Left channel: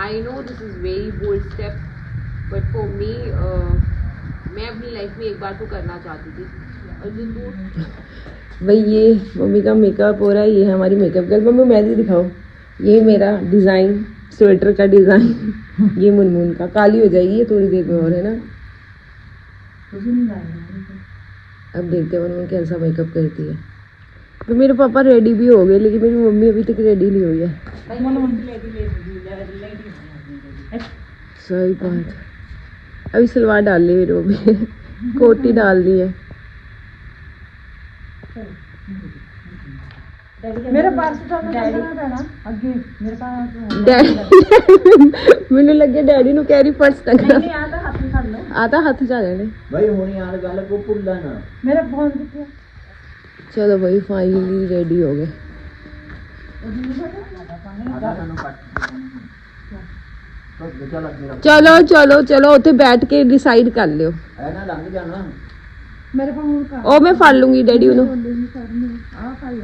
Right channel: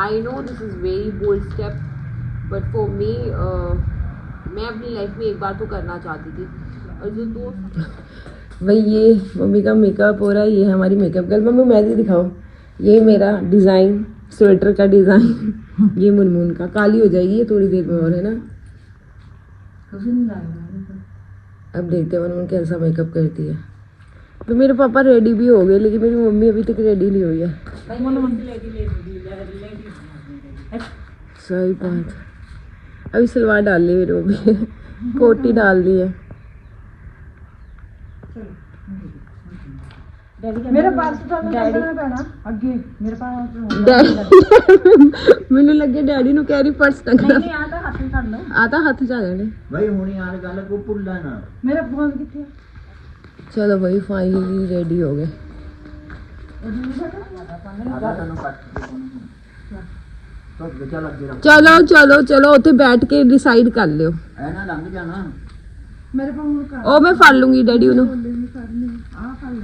I know this is very bold step, but for me मैं अपनी life में एक बार तो करना चाहती थी। और जो दोस्त भाई ये मम्मी का मेकअप हो रहा है, ये है हमारी मेकअप गर्ल। मम्मी मेहंदी दिखाओ। ये मेरा डिज़ाइन, स्वेटर का डिज़ाइन ये मुनमुन का। काली हो जाएगी ये थोड़ी देर में और, है ना। अब देखते हैं मुनमुन कैसा मेकअप करती है। तो मेरे पापा रेडी भी हो गए, लेकिन मेरी मम्मी अभी तक रेडी नहीं हुई है। सही बात। अभी सलवार डाल ली मेरी मम्मी कोटी डाल दी है। मेरे पास तो ना पैना अगे मेरे पास ਮੈਨੂੰ ਲੱਗੇ ਡੈਡੀ ਨੂੰ ਕਹਿ ਰਹੀ ਫਰਸਟ ਤੱਕ नहीं आता हाथ में कर लो आता हੱਥ ਚ ਆ ਜਾਣੇ भाई होनी यार गल को भूलना ना। मेरा फोन कितने चलो भाई फाइनली रेडी हो गए। आधा तनु कट तो बचा लग गया चलो चलो चलो उत्थे बैठ के डिसाइड कर लियो। है ना लंघ जाना। मेरे को मूड कर ਉਹ ਮੈਂ ਫੜ ਲੂੰਗੀ ਡੈਡੀ ਉਹਨੂੰ। आ पाई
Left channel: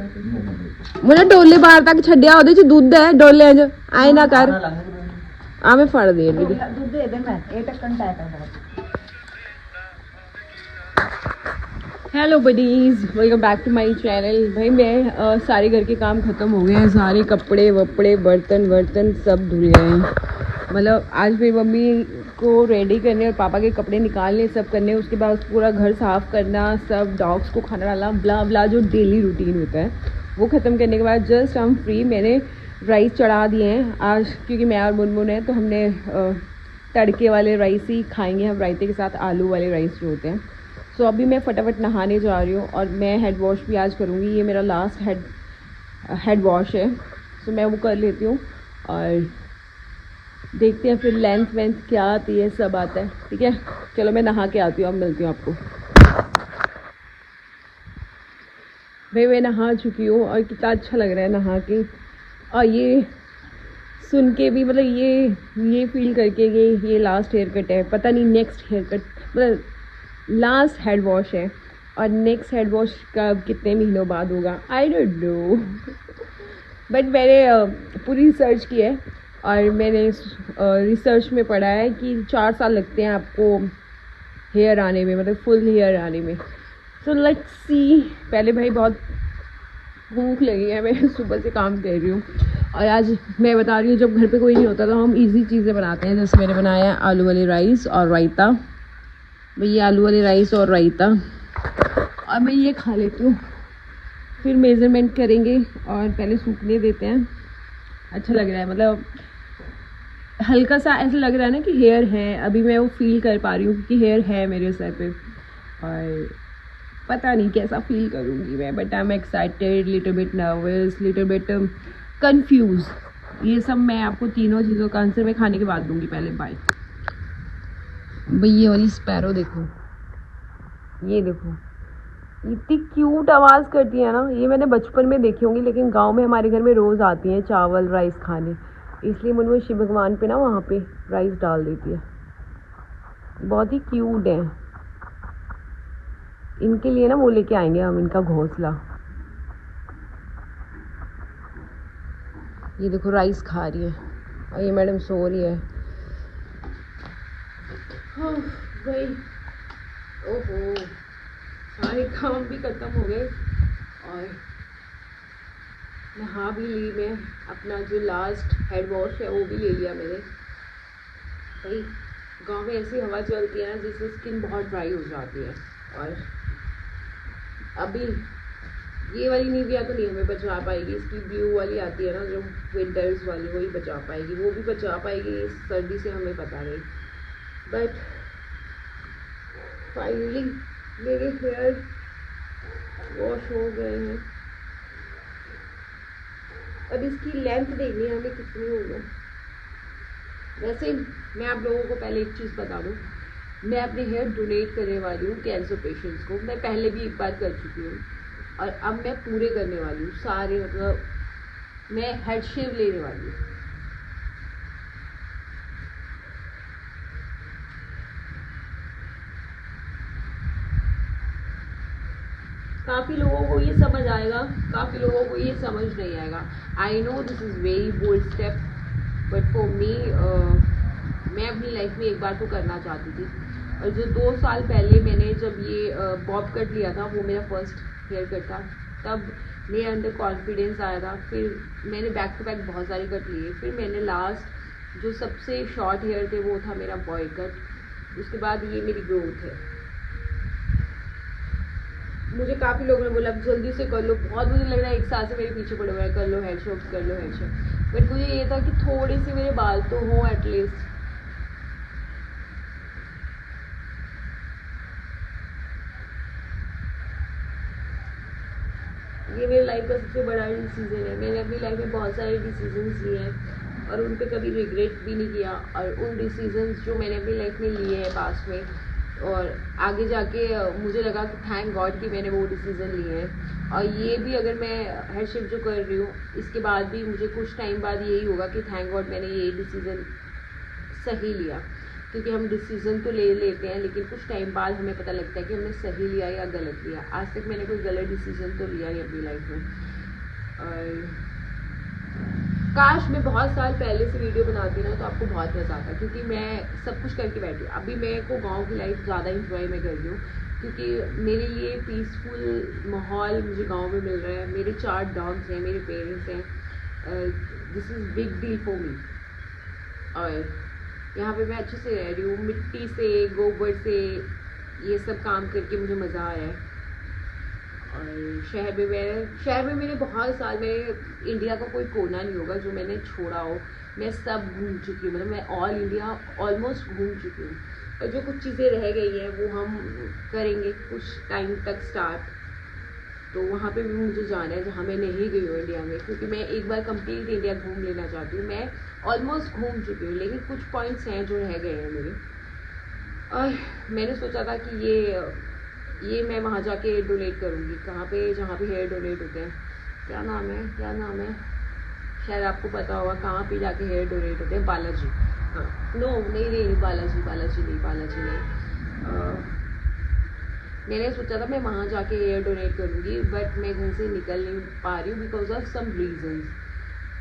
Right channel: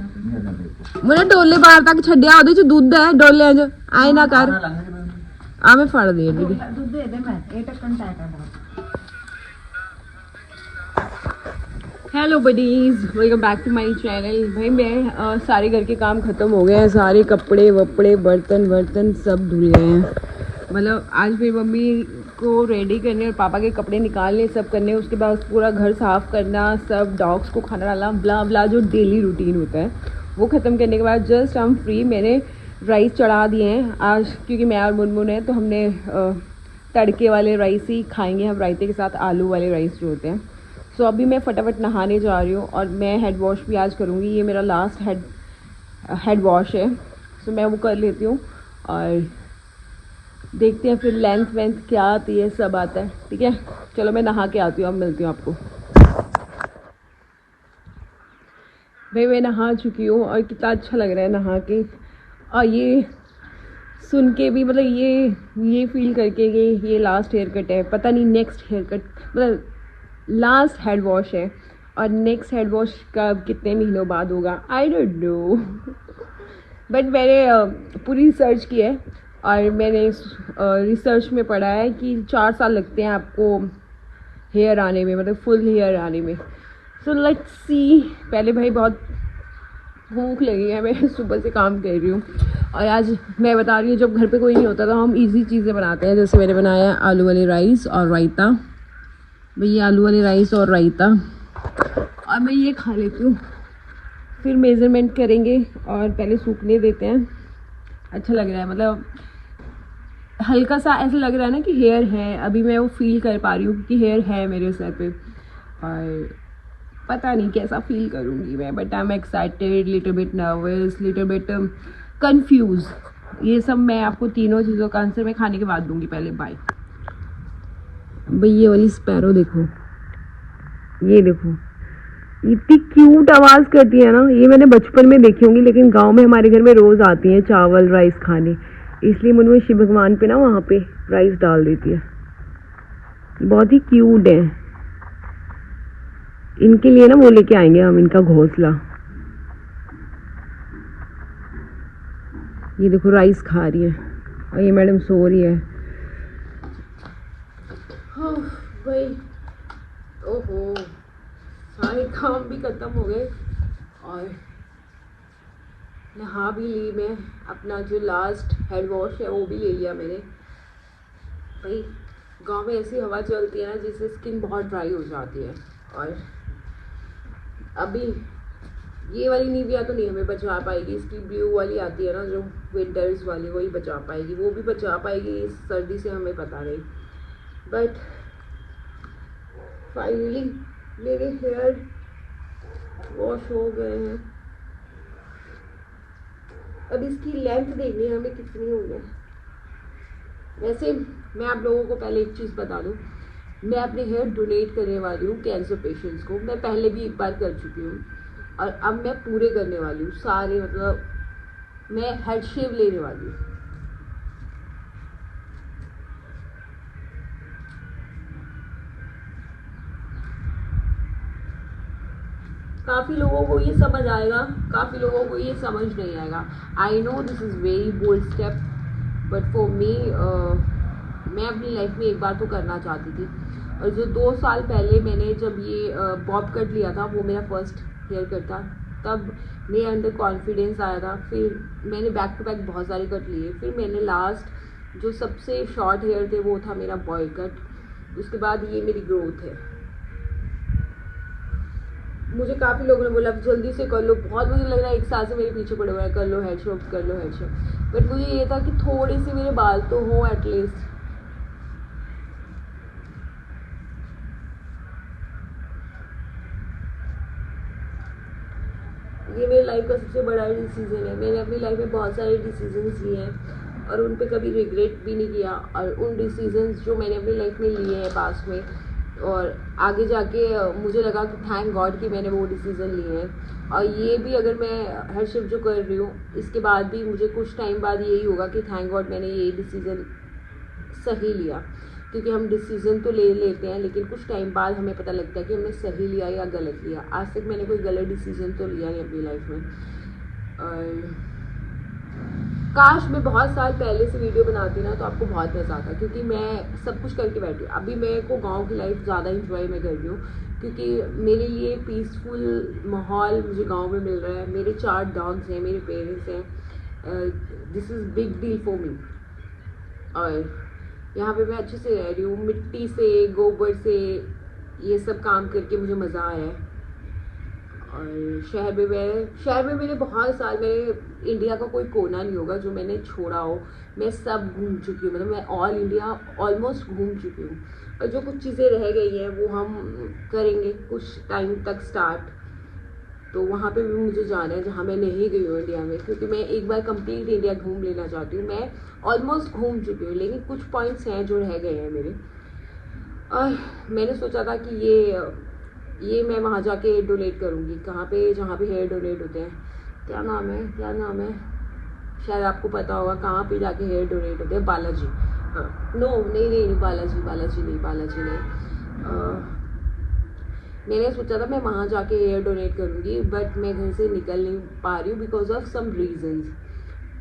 ਮੈਨੂੰ ਡੋਲੇ ਬਾਹਰ ਤੱਕ ਛੱਡਿਆ, ਉਹਦੇ ਚ ਦੁੱਧ ਹੈ ਡੋਲਿਆਂ ਚ, ਐ ਨਾ ਕਰ। ना लंघ गया ਆ ਮੈਂ ਫੜਦੀ ਹਾਂ ਡੈਡੀ। दूध दे दे मैं ये टक्कन टाइट है बहुत। Hello buddies, welcome back to my channel. भाई मैं सारे घर के काम ख़त्म हो गए हैं, सारे कपड़े वपड़े बर्तन वर्तन सब धुल गए हैं। मतलब आज मेरी मम्मी को रेडी करने और पापा के कपड़े निकालने सब करने, उसके बाद पूरा घर साफ़ करना, सब डॉग्स को खाना डालना, ब्ला ब्ला जो डेली रूटीन होता है वो ख़त्म करने के बाद जस्ट हम फ्री। मैंने राइस चढ़ा दिए हैं आज, क्योंकि मैं और मुनमुन है तो हमने तड़के वाले राइस ही खाएंगे हम, रायते के साथ आलू वाले राइस जो होते हैं। सो अभी मैं फटाफट नहाने जा रही हूँ और मैं हेड वॉश भी आज करूँगी। ये मेरा लास्ट हेड वॉश है, सो मैं वो कर लेती हूँ और देखते हैं फिर लेंथ वेंथ क्या आती है, सब आता है। ठीक है, चलो मैं नहा के आती हूँ, अब मिलती हूँ आपको। भाई मैं नहा चुकी हूँ और कितना अच्छा लग रहा है नहा के, और ये सुन के भी मतलब ये फील करके कि ये लास्ट हेयर कट है। पता नहीं नेक्स्ट हेयर कट मतलब लास्ट हेड वॉश है और नेक्स्ट हेड वॉश का कितने महीनों बाद होगा, आई डोंट नो। बट मैंने पूरी रिसर्च की है और मैंने रिसर्च में पढ़ा है कि 4 साल लगते हैं आपको हेयर आने में, मतलब फुल हेयर आने में। So let's see. पहले भाई बहुत भूख लगी है, मैं सुबह से काम कर रही हूँ और आज मैं बता रही हूँ जब घर पे कोई नहीं होता तो हम इजी चीज़ें बनाते हैं। जैसे मैंने बनाया है आलू वाली राइस और रायता। भैया आलू वाले राइस और रायता, और मैं ये खा लेती हूँ, फिर मेज़रमेंट करेंगे और पहले सूखने देते हैं। अच्छा लग रहा है, मतलब हल्का सा ऐसा लग रहा है ना कि हेयर है, अभी मैं वो फील कर पा रही हूँ कि हेयर है मेरे सर पे, और पता नहीं कैसा फील करूँगी मैं, but I am excited, little bit nervous, little bit confuse. ये सब मैं आपको तीनों चीज़ों का आंसर मैं खाने के बाद दूँगी। पहले बाय। भाई ये वाली स्पैरो देखो, ये देखो इतनी क्यूट आवाज़ करती है ना। ये मैंने बचपन में देखी होंगी, लेकिन गांव में हमारे घर में रोज़ आती हैं चावल राइस खाने, इसलिए मुझे शिव भगवान पे ना वहाँ पे राइस डाल देती है। बहुत ही क्यूट है। इनके लिए ना वो लेके आएंगे हम, इनका घोंसला। ये देखो राइस खा रही है और ये मैडम सो रही है। भाई ओहो, सारे काम भी ख़त्म हो गए और नहा भी ली मैं। अपना जो लास्ट हेड वॉश है वो भी ले लिया मैंने। भाई गांव में ऐसी हवा चलती है ना जिससे स्किन बहुत ड्राई हो जाती है, और अभी ये वाली निविया तो नहीं हमें बचा पाएगी, इसकी ब्लू वाली आती है ना जो विंटर्स वाली, वही बचा पाएगी। वो भी बचा पाएगी इस सर्दी से हमें पता नहीं, बट फाइनली मेरे हेयर वॉश हो गए हैं। अब इसकी लेंथ देखनी है हमें कितनी होगा। वैसे मैं आप लोगों को पहले एक चीज़ बता दूं, मैं अपने हेयर डोनेट करने वाली हूँ कैंसर पेशेंट्स को। मैं पहले भी एक बार कर चुकी हूँ और अब मैं पूरे करने वाली हूँ सारे, मतलब मैं हेड शेव लेने वाली हूँ। काफ़ी लोगों को ये समझ आएगा, काफ़ी लोगों को ये समझ नहीं आएगा। I know this is very bold step, but for me मैं अपनी लाइफ में एक बार तो करना चाहती थी। और जो 2 साल पहले मैंने जब ये बॉब कट लिया था, वो मेरा फर्स्ट हेयर कट था, तब मेरे अंदर कॉन्फिडेंस आया था। फिर मैंने बैक टू बैक बहुत सारे कट लिए। फिर मैंने लास्ट जो सबसे शॉर्ट हेयर थे वो था मेरा बॉय कट। उसके बाद ये मेरी ग्रोथ है। मुझे काफ़ी लोगों ने बोला जल्दी से कर लो, बहुत मुझे लग रहा है 1 साल से मेरे पीछे पड़े हुए हैं, कर लो हेयर शॉप, कर लो हेयर शॉप। बट मुझे ये था कि थोड़े से मेरे बाल तो हों एटलीस्ट। ये मेरी लाइफ का सबसे बड़ा डिसीजन है। मैंने अपनी लाइफ में बहुत सारे डिसीजंस लिए हैं और उन पे कभी रिग्रेट भी नहीं किया। और उन डिसीजंस जो मैंने अपनी लाइफ में लिए हैं पास्ट में, और आगे जाके मुझे लगा कि थैंक गॉड कि मैंने वो डिसीज़न लिए हैं। और ये भी अगर मैं हेयर शिफ्ट जो कर रही हूँ, इसके बाद भी मुझे कुछ टाइम बाद यही होगा कि थैंक गॉड मैंने ये डिसीज़न सही लिया। क्योंकि हम डिसीज़न तो ले लेते हैं, लेकिन कुछ टाइम बाद हमें पता लगता है कि हमने सही लिया या गलत लिया। आज तक मैंने कोई गलत डिसीज़न तो लिया नहीं अपनी लाइफ में। और काश मैं बहुत साल पहले से वीडियो बनाती ना तो आपको बहुत मज़ा आता, क्योंकि मैं सब कुछ करके बैठी हूँ। अभी मेरे को गांव की लाइफ ज़्यादा इंजॉय मैं कर रही हूँ, क्योंकि मेरे लिए पीसफुल माहौल मुझे गांव में मिल रहा है। मेरे 4 डॉग्स हैं, मेरे पेरेंट्स हैं। This is big deal for me. और यहाँ पे मैं अच्छे से रह रही हूँ, मिट्टी से, गोबर से, ये सब काम करके मुझे मज़ा आया है। और शहर में मेरे बहुत साल, मेरे इंडिया का कोई कोना नहीं होगा जो मैंने छोड़ा हो। मैं सब घूम चुकी हूँ, मतलब मैं ऑल इंडिया ऑलमोस्ट घूम चुकी हूँ। और जो कुछ चीज़ें रह गई हैं वो हम करेंगे कुछ टाइम तक स्टार्ट। तो वहाँ पे भी मुझे जाना है जहाँ मैं नहीं गई हूँ इंडिया में, क्योंकि मैं एक बार कंप्लीट इंडिया घूम लेना चाहती हूँ। मैं ऑलमोस्ट घूम चुकी हूँ, लेकिन कुछ पॉइंट्स हैं जो रह गए हैं मेरे। और मैंने सोचा था कि ये मैं वहाँ जाके डोनेट करूँगी। कहाँ पे? जहाँ पे हेयर डोनेट होते हैं। क्या नाम है, शायद आपको पता होगा कहाँ पे जाके हेयर डोनेट होते हैं। बालाजी। हाँ, नो नहीं, बालाजी नहीं। मैंने सोचा था मैं वहाँ जाके हेयर डोनेट करूँगी, बट मैं घर से निकल नहीं पा रही हूँ बिकॉज ऑफ सम रीजंस।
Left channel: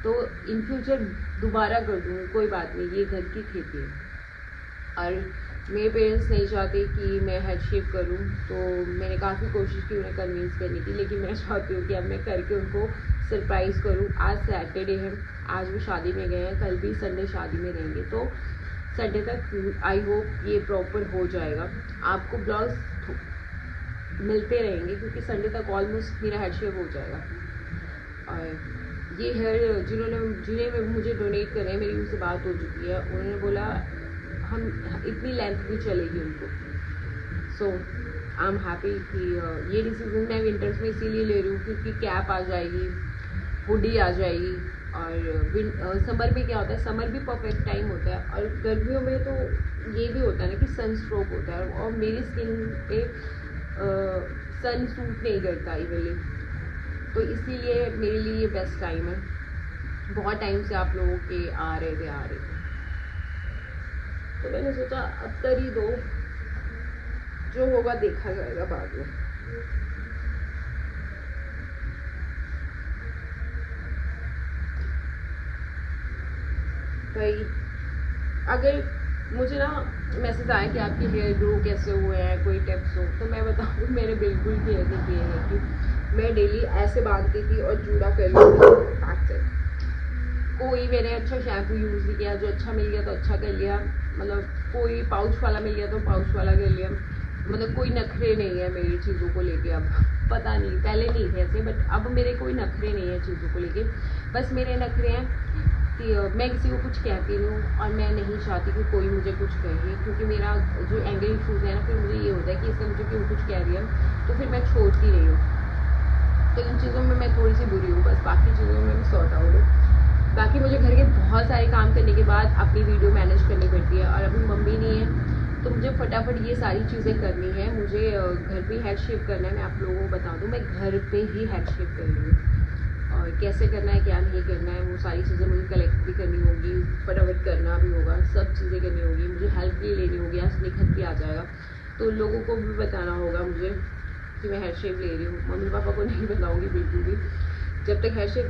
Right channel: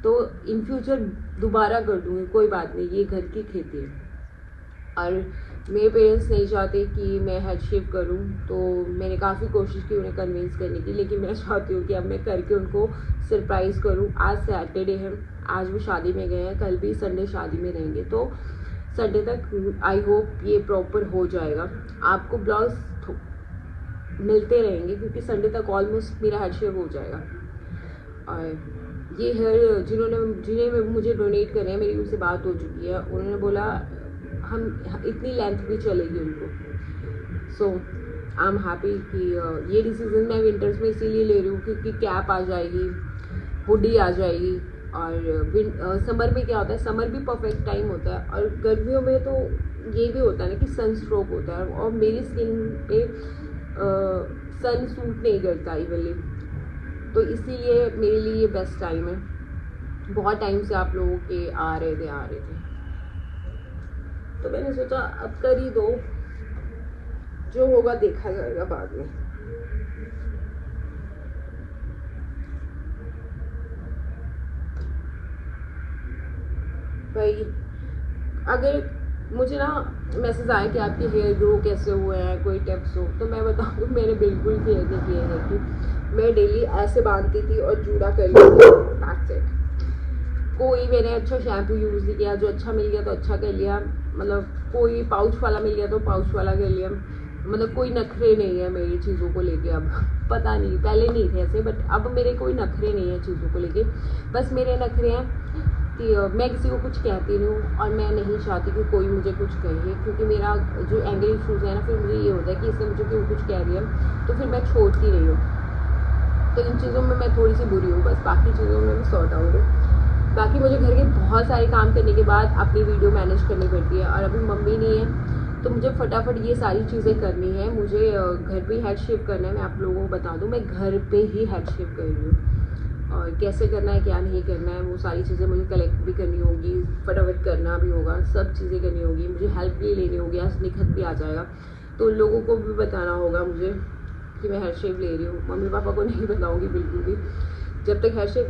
तो इन फ्यूचर दोबारा कर दूँगी, कोई बात नहीं, ये घर की खेती है। और मेरे पेरेंट्स नहीं चाहते कि मैं हेड शेप करूं, तो मैंने काफ़ी कोशिश की उन्हें कन्विंस करने की, लेकिन मैं चाहती हूँ कि अब मैं करके उनको सरप्राइज़ करूं। आज सैटरडे है, आज वो शादी में गए हैं, कल भी संडे शादी में रहेंगे, तो संडे तक आई होप ये प्रॉपर हो जाएगा। आपको ब्लाउज मिलते रहेंगे क्योंकि संडे तक ऑलमोस्ट मेरा हेड शेप हो जाएगा। और ये हेयर जिन्हें मुझे डोनेट करने हैं, मेरी उनसे बात हो चुकी है। उन्होंने बोला हम इतनी लेंथ भी चलेगी उनको। सो आई एम हैप्पी कि ये डिसीज़न मैं विंटर्स में इसीलिए ले रही हूँ क्योंकि कैप आ जाएगी, हुडी आ जाएगी। और समर में क्या होता है, समर भी परफेक्ट टाइम होता है। और गर्मियों में तो ये भी होता है ना कि सन स्ट्रोक होता है, और मेरी स्किन पे सन सूट नहीं करता इवनली, तो इसीलिए मेरे लिए ये बेस्ट टाइम है। बहुत टाइम से आप लोगों के आ रहे थे, तो मैंने सोचा अब कर ही दो, जो होगा देखा जाएगा बाद में। भाई अगर मुझे ना मैसेज आया कि आपके हेयर ग्रो कैसे हुए हैं, कोई टिप्स हो, तो मैं बताऊँ तो मैंने बिल्कुल केयर नहीं किए हैं कि मैं डेली ऐसे बांधती थी और जूड़ा कर लेती थी। कोई मैंने अच्छा शैम्पू यूज़ नहीं किया, जो अच्छा मिल गया तो अच्छा कर लिया, मतलब कोई पाउच वाला मिल गया तो पाउच वाला कर लिया। मतलब कोई नखरे नहीं है मेरी चीज़ों को लेके। अब पता नहीं, पहले नहीं थे ऐसे, बट अब मेरे कोई नखरे नहीं है चीज़ों को लेके। बस मेरे नखरे हैं कि मैं किसी को कुछ कहती नहीं हूँ, और मैं नहीं चाहती कि कोई मुझे कुछ कहे, क्योंकि मेरा जो एंगल इशूज़ है ना, फिर मुझे ये होता है कि इसने मुझे क्यों कुछ कह दिया, तो फिर मैं छोड़ती रही हूँ। तो इन चीज़ों में मैं थोड़ी सी बुरी हूँ, बस बाकी चीज़ों में मैं सॉर्ट आउट हूँ। बाकी मुझे घर के बहुत सारे काम करने के बाद अपनी वीडियो मैनेज करनी पड़ती है, और अभी मम्मी नहीं है तो मुझे फटाफट ये सारी चीज़ें करनी है। मुझे घर पे हेड शेप करना है। मैं आप लोगों को बता दूं, मैं घर पे ही हेड शेप कर रही हूँ, और कैसे करना है क्या नहीं करना है वो सारी चीज़ें मुझे कलेक्ट भी करनी होगी, फटाफट करना भी होगा, सब चीज़ें करनी होगी। मुझे हेल्प भी लेनी होगी, आज निखत भी आ जाएगा, तो उन लोगों को भी बताना होगा मुझे कि मैं हेड शेप ले रही हूँ। मम्मी पापा को नहीं बताऊँगी बिल्कुल भी, जब तक हेड शेप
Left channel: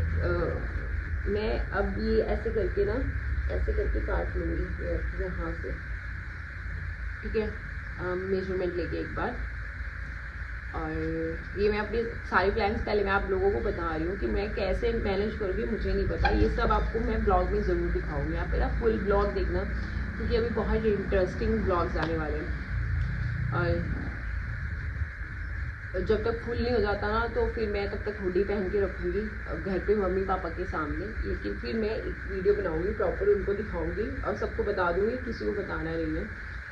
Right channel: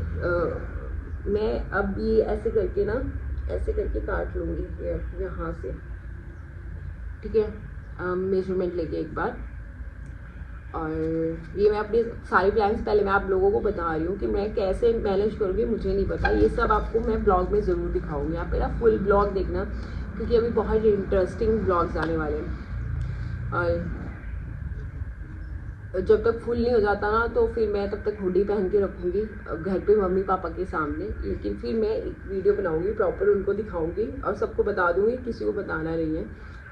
मैं अब ये ऐसे करके ना ऐसे करके काट लूँगी यहाँ से, ठीक है, मेजरमेंट लेके एक बार। और ये मैं अपने सारे प्लान्स पहले मैं आप लोगों को बता रही हूँ कि मैं कैसे मैनेज करूँगी, मुझे नहीं पता। ये सब आपको मैं ब्लॉग में ज़रूर दिखाऊंगी, आप मेरा फुल ब्लॉग देखना क्योंकि अभी बहुत इंटरेस्टिंग ब्लॉग्स आने वाले हैं। और जब तक फुल नहीं हो जाता ना तो फिर मैं तब तक हुडी पहन के रखूँगी घर पे मम्मी पापा के सामने, लेकिन फिर मैं एक वीडियो बनाऊँगी प्रॉपर, उनको दिखाऊँगी और सबको बता दूँगी, किसी को बताना नहीं है।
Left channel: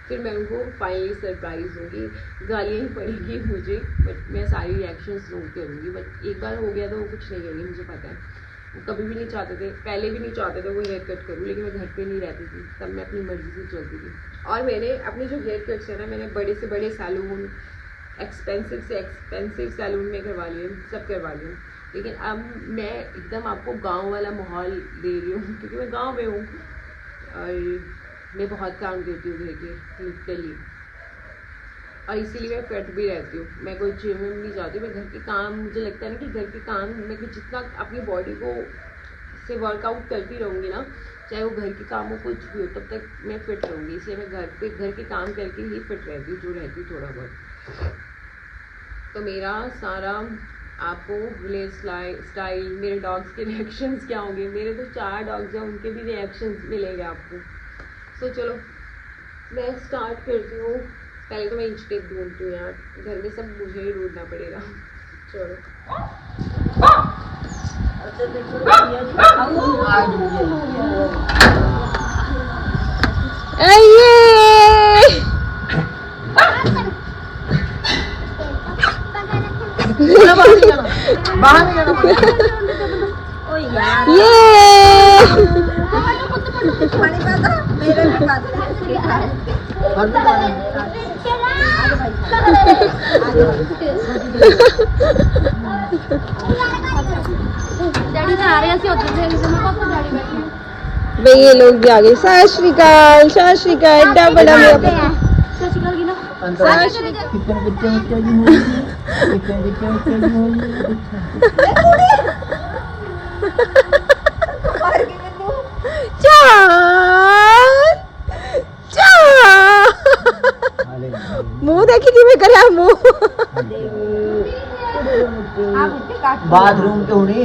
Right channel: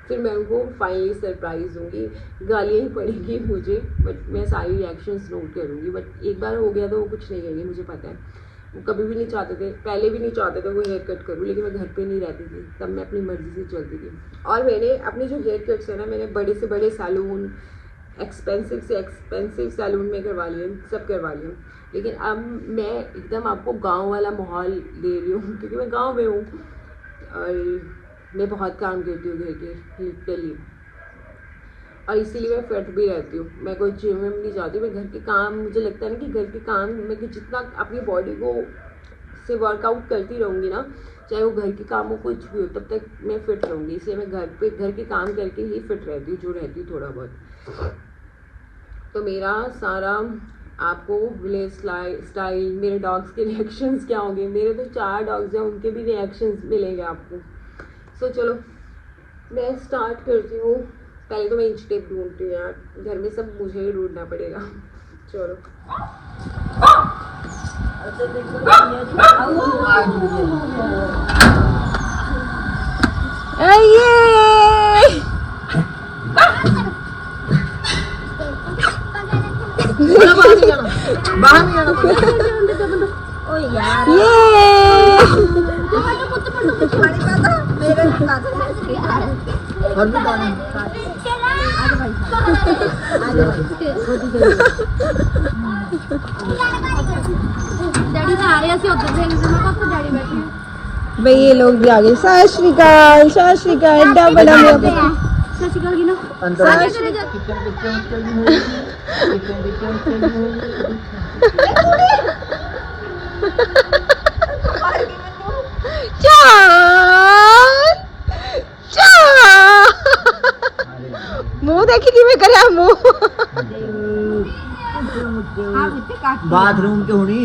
फिर मैं उनको फाइनली सरप्राइज़ दूँगी, गालियाँ ही पड़ेगी मुझे, बट मैं सारी रिएक्शंस नोट करूँगी। बट एक बार हो गया तो वो कुछ नहीं करेंगी, मुझे पता है। वो कभी भी नहीं चाहते थे, पहले भी नहीं चाहते थे वो हेयर कट करूँ, लेकिन मैं घर पे नहीं रहती थी, तब मैं अपनी मर्ज़ी से चलती थी। और मैंने अपने जो हेयर कट्स है ना, मैंने बड़े से बड़े सैलून, एक्सपेंसिव से एक्सपेंसिव सैलून में करवा लिए, सब करवा लिए। लेकिन अब मैं एकदम आपको गांव वाला माहौल दे रही हूँ क्योंकि मैं गांव में हूँ और मैं बहुत काम करती हूँ घर के लिटरली, और इसीलिए मैं फिट भी रहती हूँ। मैं कोई जिम में नहीं जाती, मैं घर के काम, मुझे लगता है ना कि घर के काम मैं जितना अपनी बॉडी को से वर्कआउट करती रहूँगी ना, चाहे वो घर के काम हो कुछ भी हो, तब तक मैं फिट रहूँगी। इसलिए मैं घर के काम करके ही फिट रहती हूँ, जो रहती हूँ थोड़ा बहुत। तो मेरा सारा आपको हेयर स्टाइल, मेरे डॉग्स के रिएक्शंस क्या होंगे, मेरे तो 4 डॉग्स हैं, उनके भी रिएक्शंस मिलेंगे आपको। सो चलो मैं स्टार्ट करती हूँ। पहले तो मैं इंच टेप ढूंढती हूँ यार, घर में सब मुझे ही ढूंढना पड़ेगा। चलो बाहर नहीं जाना डैडी तो आ रहे हैं उधर से डैडी बैठे भाई ये लोग भी आ गए। सत श्रीकाल, सत श्रीकाल, इतना बड़ा ससिकल भी ना आगे चले जा किचन किचन चली हुई, किचन किचन चली हुई। मुंह देखी कि मैं करे मुंह। बाथरूम चोड़ी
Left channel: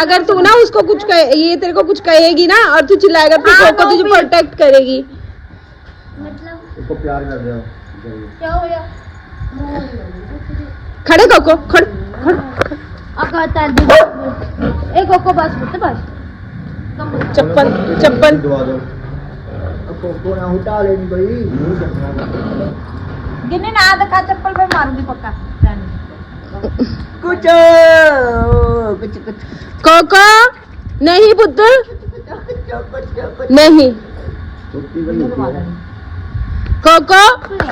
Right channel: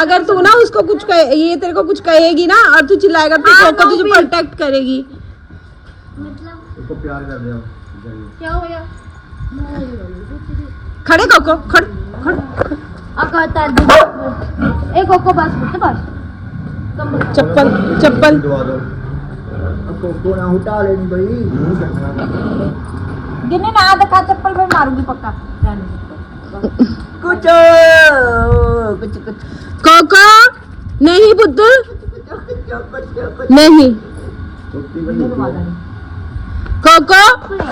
अगर तू ना उसको कुछ ये तेरे को कुछ कहेगी ना और तू चिल्लाएगा तो कोको तुझे प्रोटेक्ट करेगी। मतलब उसको प्यार कर दो। क्या हो गया खड़े कोको, खड़ खड़ अगर तार दे एक कोको बस बस चप्पल चप्पल दवा दो। अब कोको ना उतार इन भाई। गिने ना आधा का चप्पल में मारूंगी पक्का। कुछ कुछ कोको नहीं पुत्र नहीं, कोको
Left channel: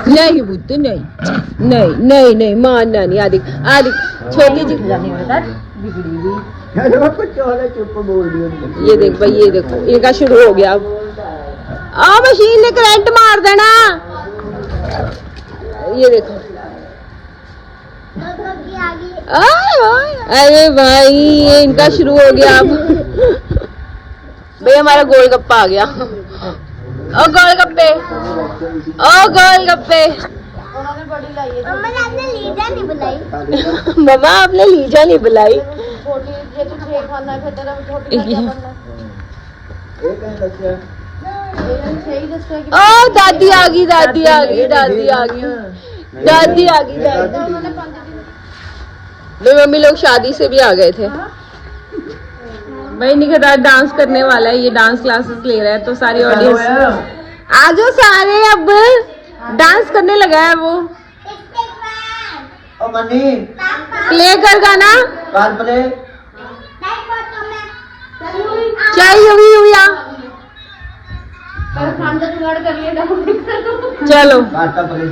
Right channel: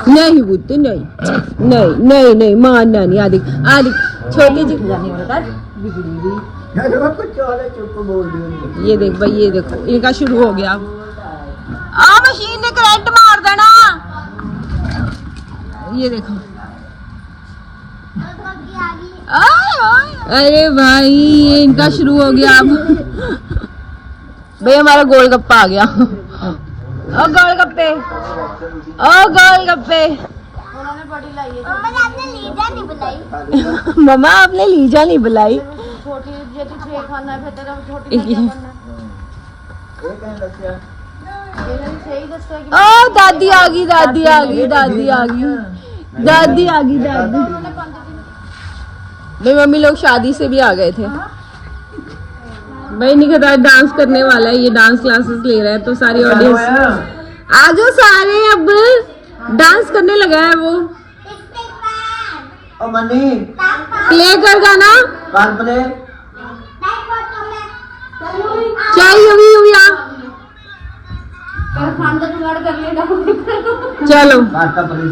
नहीं पुत्र नहीं नहीं नहीं नहीं मानना नहीं। आदि आदि छोटी जी बिगड़ी हुई कुछ वाला चुप बोल दिया। ये देख भाई, ये देखो इनका शुरू हो गया। आ मशीन ने करंट मार देना। ये देखो अरे भाई ये इनका शुरू हो गया। अब भाई हमारा गोलगप्पा आ गया। ओ गोलगप्पे, ओ गोलगप्पे। उन्होंने बड़ी लाई है मम्मा आपने लीजा नहीं बुलाई मम्मा आपने लीजा नहीं बुलाई। छोटी जे तू छे खाना है फिर तेरा छोटी का क्या बनना है ओ दादी आ गई, दादी आ गई, दादी आ गई, दादी आ गई, दादी। मेरी मम्मी लोग शादी से भी आ गए थे। भाई निखत डांस करने वाला है, ये डांस क्लासेस ले रहा है तो सारी ऑडियंस आ जाओ सारे, अब डांस करने लगा है वो। ओ मनी प्ले कर गाना, कर प्ले। चाहिए भी हुआ। खान का जुगाड़ कर ले डांस चलो आटा प्ले।